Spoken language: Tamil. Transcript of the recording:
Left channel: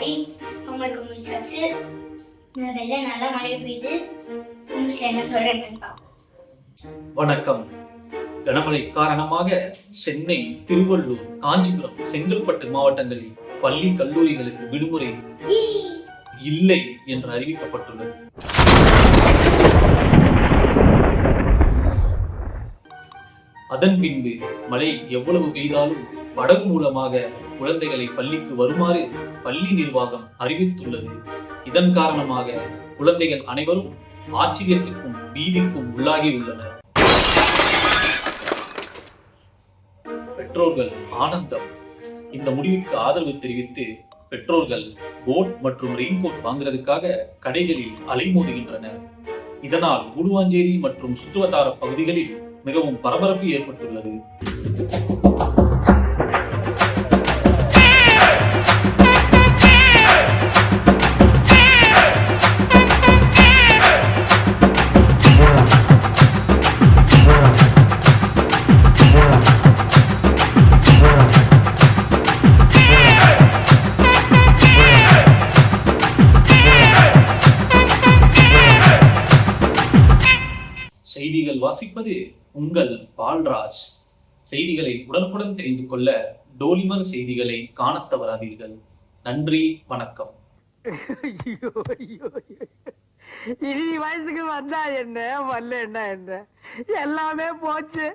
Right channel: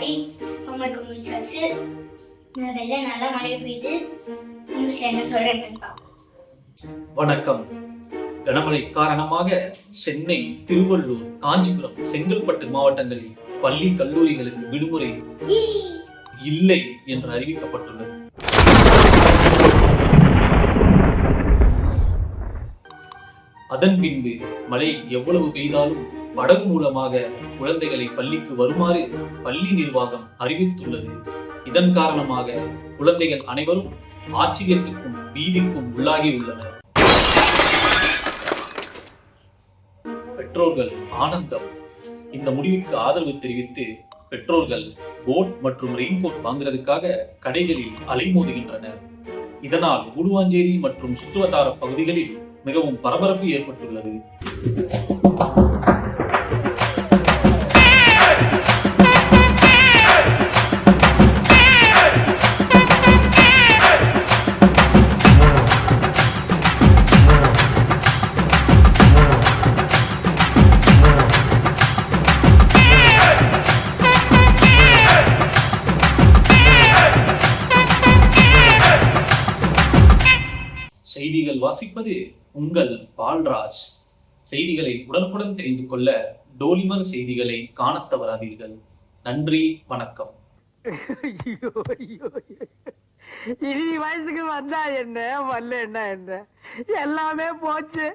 டாடி ஹோம்ஒர்க் முடிச்சாச்சு. வெளில நல்லா மழை பெய்யுது. நியூஸ்ல என்ன சொல்றேன்னு பார்ப்போம். வணக்கம். கனமழை காரணமாக சென்னை, திருவள்ளூர், காஞ்சிபுரம், செங்கல்பட்டு மாவட்டங்களில் பள்ளி கல்லூரிகளுக்கு விடுமுறை இல்லை என்று அறிவிக்கப்பட்டுள்ளது. அதன் பின்பு மழை எவ்வளவு பெய்தாலும் படகு மூலமாக குழந்தைகளை பள்ளிக்கு வருமாறு பள்ளி நிர்வாகம் அறிவித்துள்ளது. இதன் காரணமாக குழந்தைகள் அனைவரும் ஆச்சரியத்துக்கும் பீதிக்கும் உள்ளாகி உள்ளனர். பெற்றோர்கள் ஆனந்தம். இந்த முடிவுக்கு ஆதரவு தெரிவித்து பெற்றோர்கள் போட் மற்றும் ரெயின்கோட் வாங்குறதுக்காக கடைகளில் அலைமோதுகின்றனர். இதனால் கூடுவாஞ்சேரி மற்றும் சுற்றுவட்டார பகுதிகளில் மிகவும் பரபரப்பு ஏற்பட்டுள்ளது. செய்திகள் வாசிப்பது உங்கள் பால்ராஜ். செய்திகளை உடனுக்குடன் தெரிந்து கொள்ள டோலிமர் செய்திகளை காணத் தவறாதீர்கள். நன்றி, வணக்கம். இனி வயசுக்கு வந்தா என்ன, வரல என்ன, எல்லாமே போச்சு.